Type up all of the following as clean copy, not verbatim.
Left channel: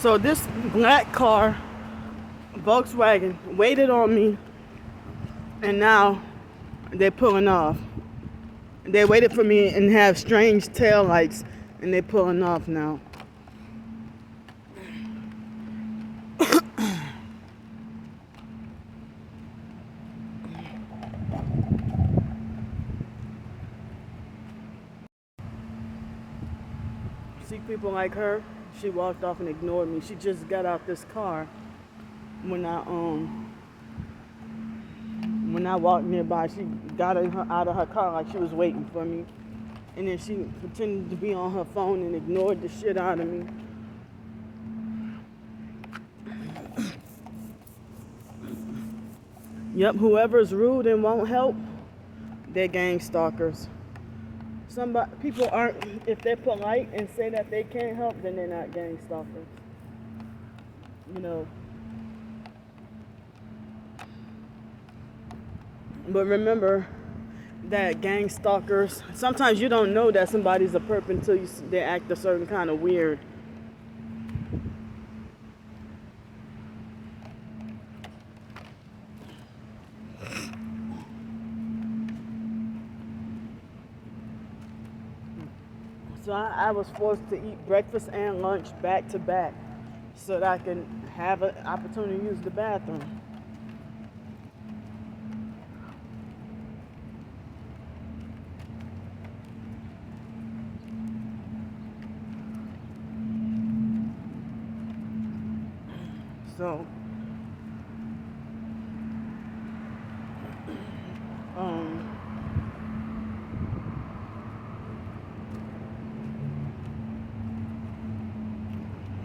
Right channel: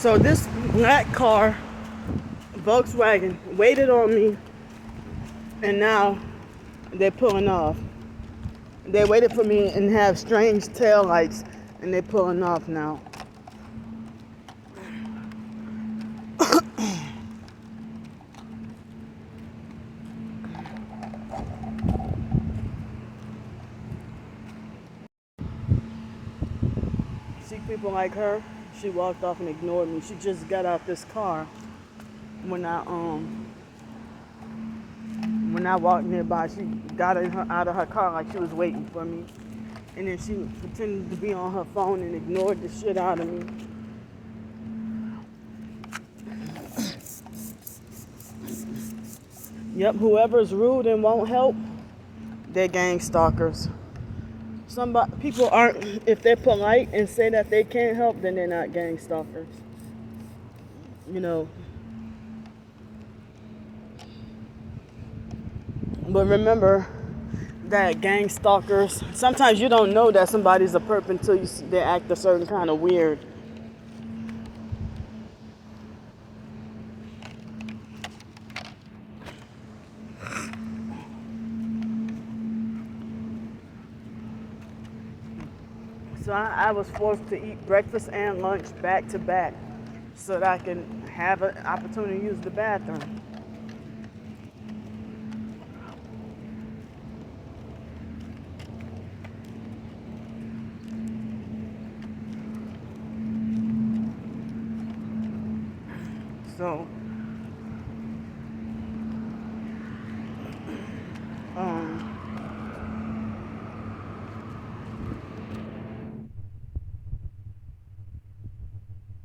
So this black car, Volkswagen, waited on me, and now they're pulling off. They waited for me and have strange tail lights, and they're pulling off now. See people like her? She walked off and ignored me. She just got out this car when I walked nearby. She got out of her car like she was waiting for me. And then she pretended to be on her phone and ignored the shit out of me. Yep, whoever's rude and won't help, they're gang stalkers. People aren't, if they're polite and say that they can't help, then they're not gang stalkers. You know. But remember that gang stalkers, sometimes you don't know that somebody's a perp until they act a certain kind of weird. So I was forced to eat breakfast and lunch back to back so that I can have an opportunity to use the bathroom.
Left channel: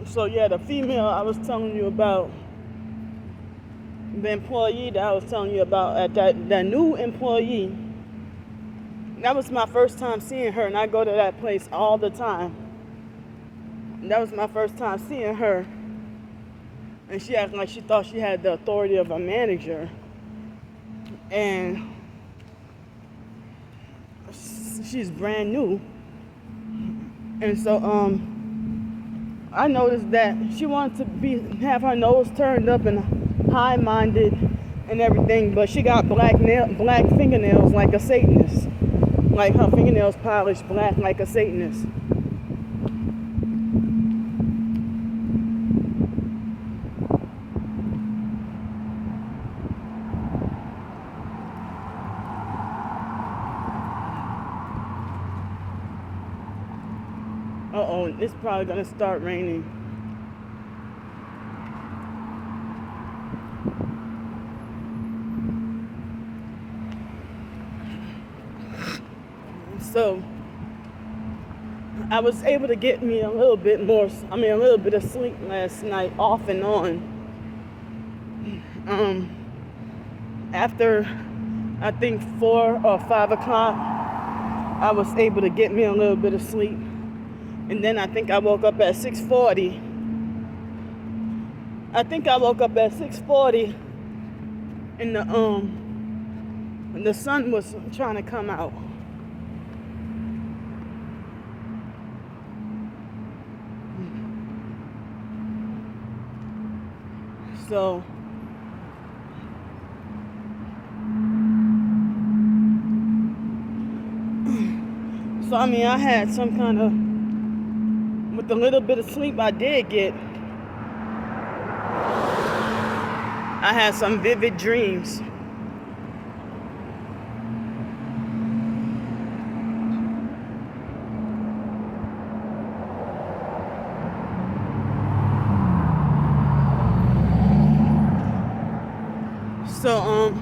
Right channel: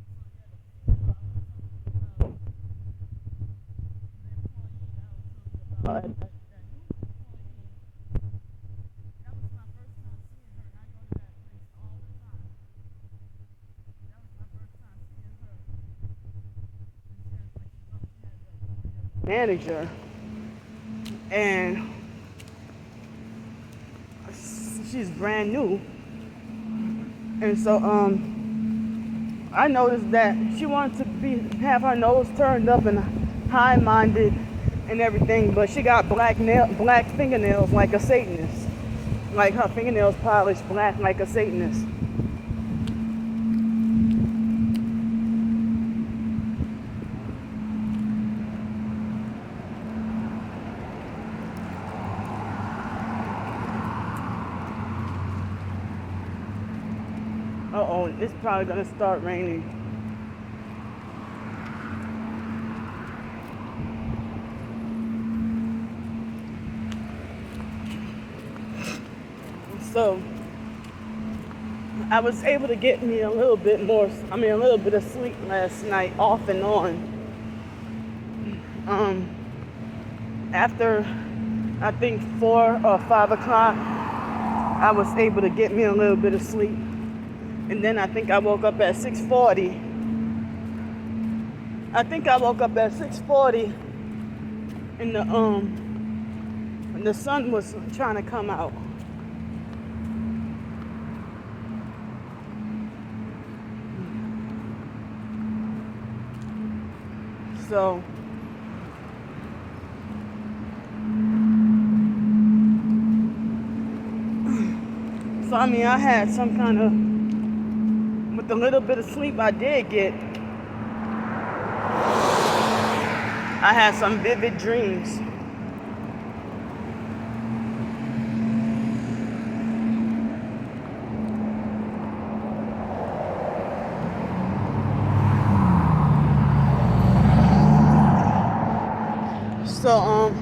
So yeah, the female I was telling you about, the employee that I was telling you about, that new employee, that was my first time seeing her, and I go to that place all the time. And that was my first time seeing her, and she acted like she thought she had the authority of a manager, and she's brand new. And so I noticed that she wanted to have her nose turned up and high-minded and everything, but she got black fingernails like a Satanist. Like her fingernails polished black like a Satanist. Uh-oh, it's probably gonna start raining. So I was able to get me a little bit of sleep last night, off and on. After I think 4 or 5 o'clock, I was able to get me a little bit of sleep. And then I think I woke up at 6:40. And the sun was trying to come out. So I mean, I had some kind of, with the little bit of sleep I did get, I had some vivid dreams. So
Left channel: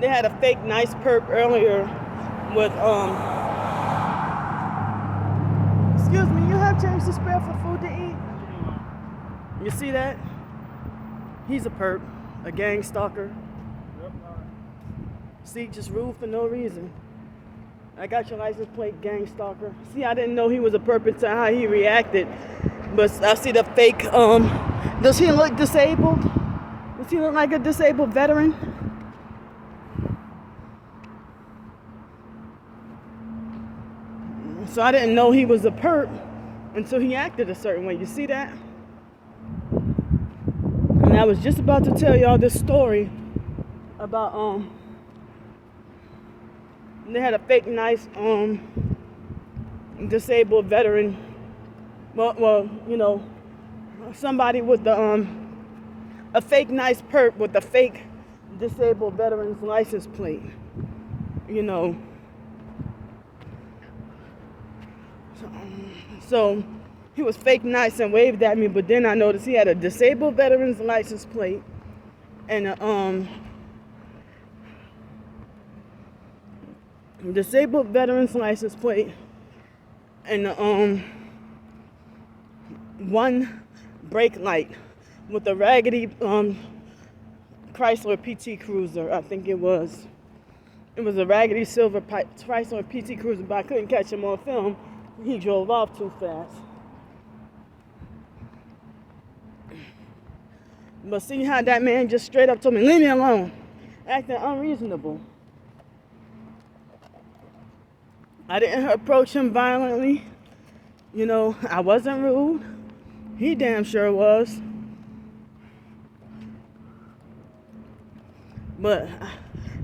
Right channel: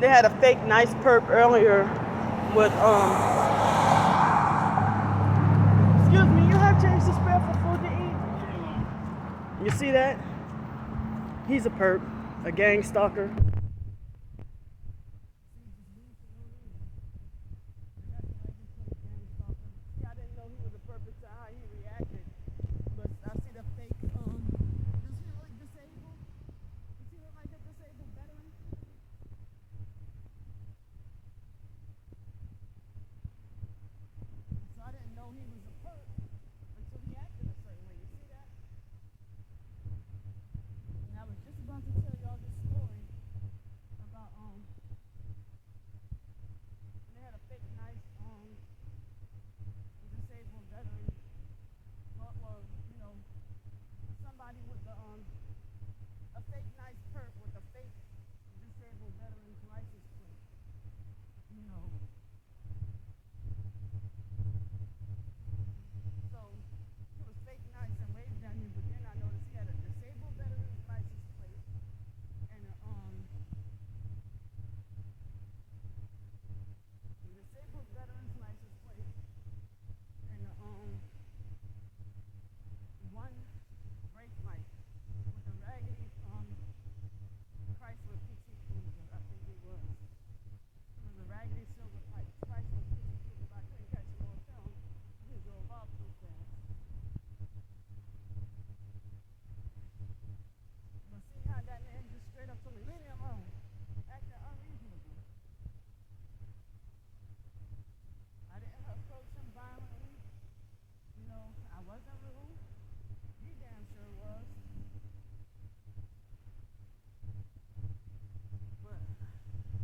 they had a fake nice perp earlier with excuse me, you have change to spare for food to eat? You see that? He's a perp, a gang stalker. See, just rude for no reason. I got your license plate, gang stalker. See, I didn't know he was a perp until how he reacted. But I see the fake, does he look disabled? Does he look like a disabled veteran? So I didn't know he was a perp until he acted a certain way. You see that? And I was just about to tell y'all this story about they had a fake nice disabled veteran. Well, you know, somebody with the a fake nice perp with a fake disabled veteran's license plate. You know. So he was fake nice and waved at me, but then I noticed he had a disabled veteran's license plate and a disabled veteran's license plate and one brake light with a raggedy Chrysler PT Cruiser. I think it was a raggedy silver Chrysler PT Cruiser, but I couldn't catch him on film. He drove off too fast. But see how that man just straight up told me, leave me alone, acting unreasonable. I didn't approach him violently. You know, I wasn't rude. He damn sure was. But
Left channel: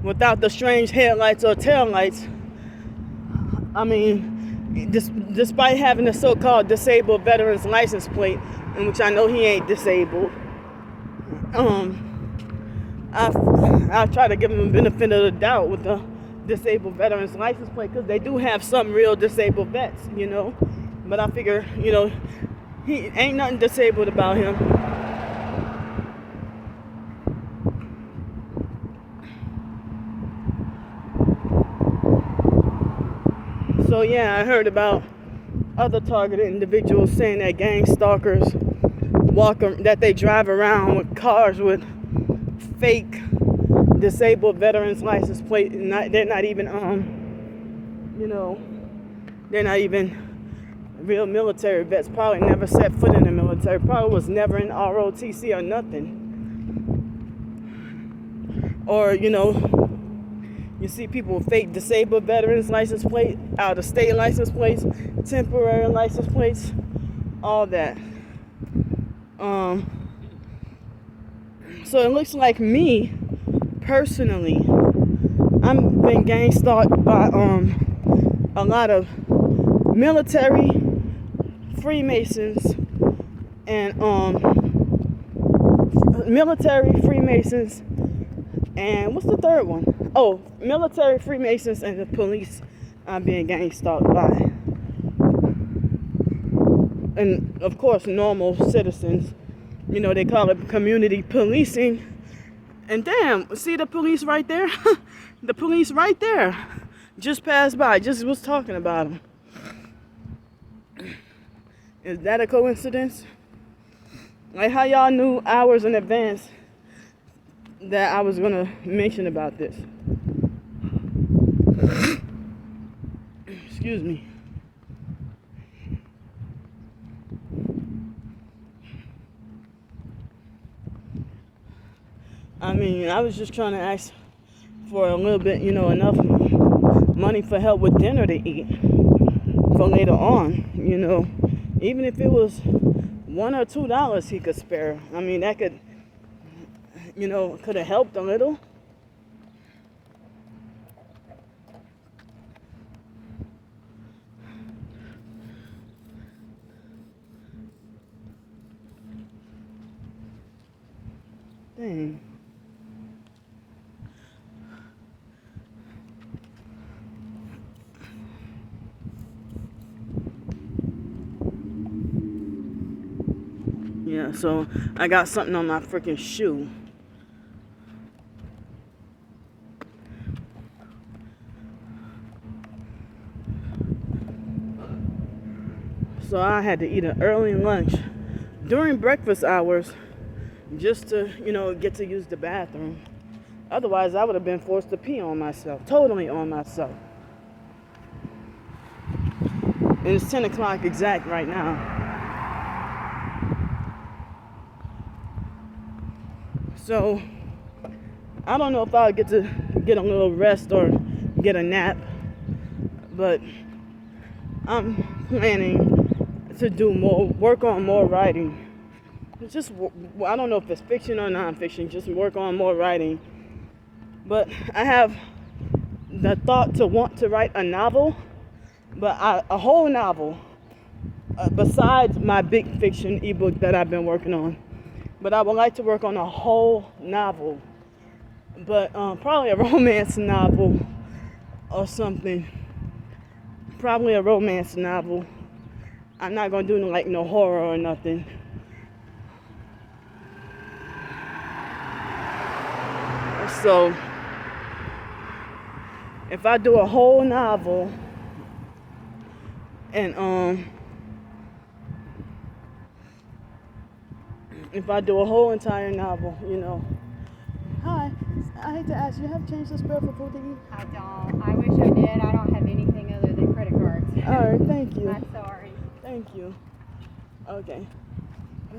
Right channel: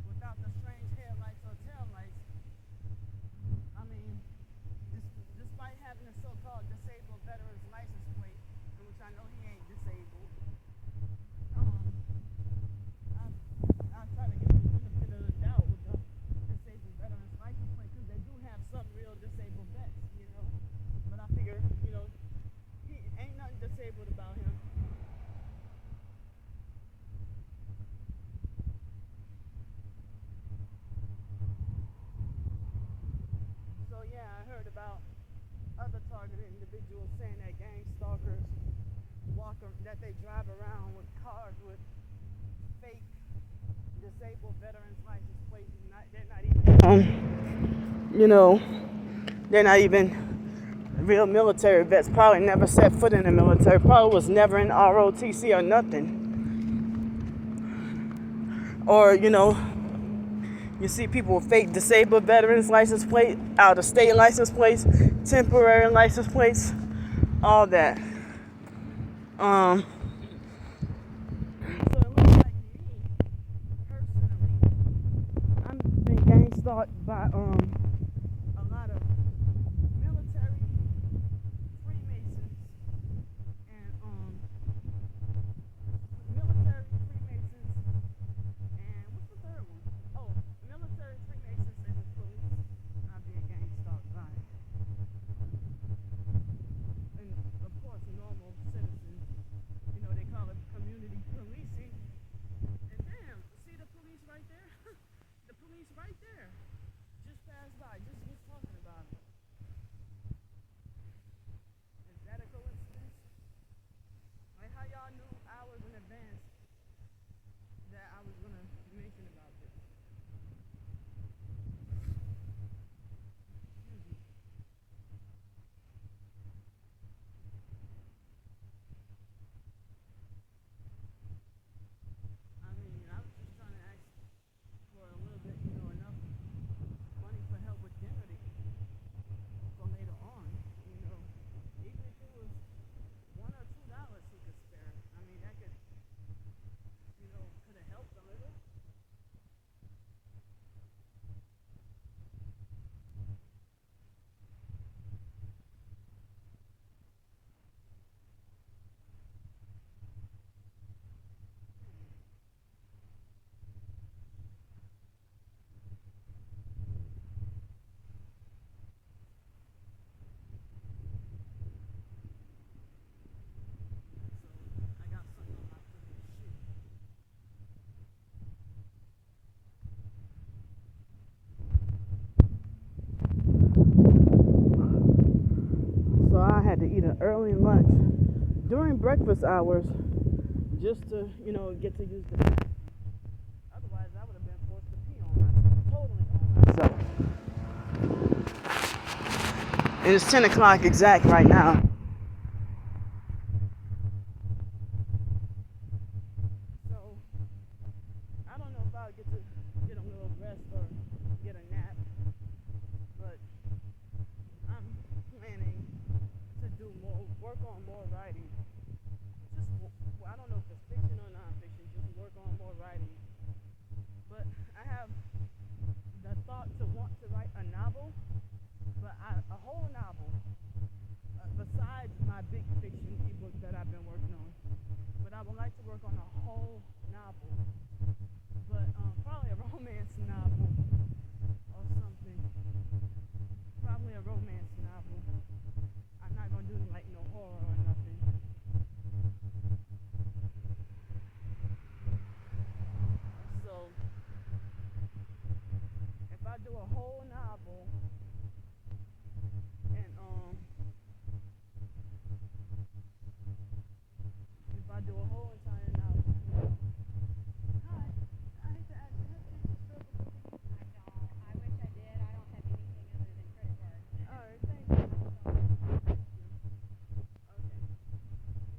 without the strange headlights or taillights, I mean, despite having a so-called disabled veteran's license plate, in which I know he ain't disabled, I try to give him the benefit of the doubt with the disabled veterans license plate, because they do have some real disabled vets, you know. But I figure, you know, he ain't nothing disabled about him. So yeah, I heard about other targeted individuals saying that gang stalkers that they drive around with cars with fake disabled veterans license plate, and they're not even you know, they're not even real military vets. Probably never set foot in the military. Probably was never in ROTC or nothing. Or, you know, you see people with fake disabled veterans license plate, out of state license plates, temporary license plates, all that. So it looks like me, personally, I'm been gang stalked by a lot of military, Freemasons, and and what's the third one? Oh, military, Freemasons, and the police I'm being gang stalked by. And of course, normal citizens, you know, they call it community policing. And damn, see the police right there? The police right there just passed by, just was talking about them. Is that a coincidence? Like, how y'all knew hours in advance that I was gonna mention about this? Excuse me. I mean, I was just trying to ask for a little bit, you know, enough money for help with dinner to eat for later on, you know. Even if it was $1 or $2 he could spare. I mean, that could, you know, could have helped a little. Dang. Yeah, so I got something on my freaking shoe. So I had to eat an early lunch during breakfast hours just to, you know, get to use the bathroom. Otherwise, I would have been forced to pee on myself, totally on myself. And it's 10 o'clock exact right now. So, I don't know if I'll get to get a little rest or get a nap, but I'm planning to do work on more writing. Just, I don't know if it's fiction or nonfiction, just work on more writing. But I have the thought to want to write a novel, but a whole novel, besides my big fiction ebook that I've been working on. But I would like to work on a whole novel, but probably a romance novel or something. Probably a romance novel. I'm not gonna do like no horror or nothing. So if I do a whole novel and if I do a whole entire novel, Hi, I hate to ask you, have changed the spell for food to eat? I don't. I wish I did. I don't have anything other than credit cards. Alright, thank you. I'm sorry. Thank you. Okay.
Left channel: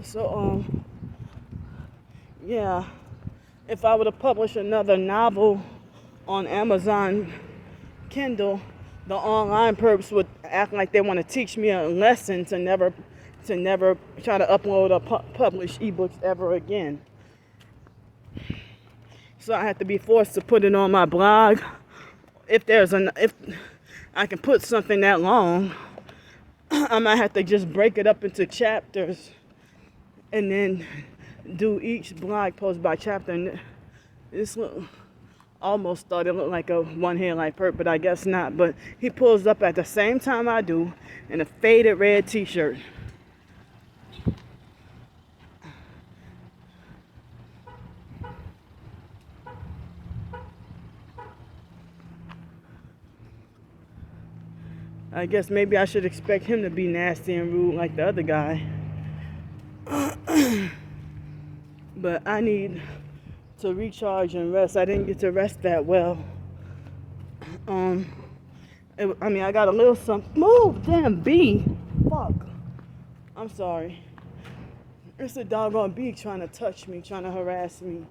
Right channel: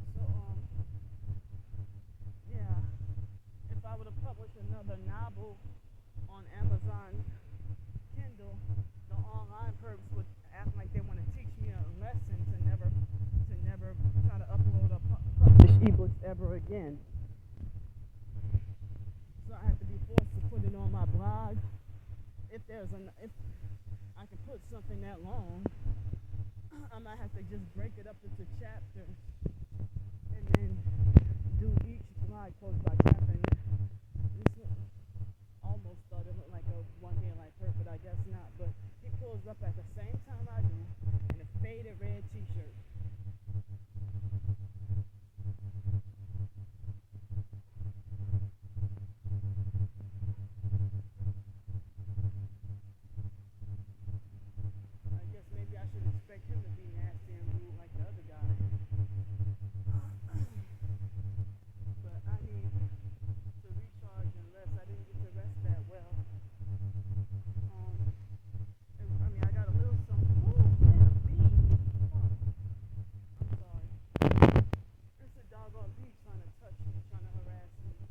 So, yeah. If I were to publish another novel on Amazon Kindle, the online perps would act like they want to teach me a lesson to never try to upload or publish ebooks ever again. So I have to be forced to put it on my blog. If I can put something that long, I might have to just break it up into chapters and then do each blog post by chapter. And this almost started to look like a one headlight perp, but I guess not. But he pulls up at the same time I do in a faded red t-shirt. I guess maybe I should expect him to be nasty and rude like the other guy. But I need to recharge and rest. I didn't get to rest that well. I got a little something. Move, damn bee. Fuck. I'm sorry. It's a doggone bee trying to touch me, trying to harass me.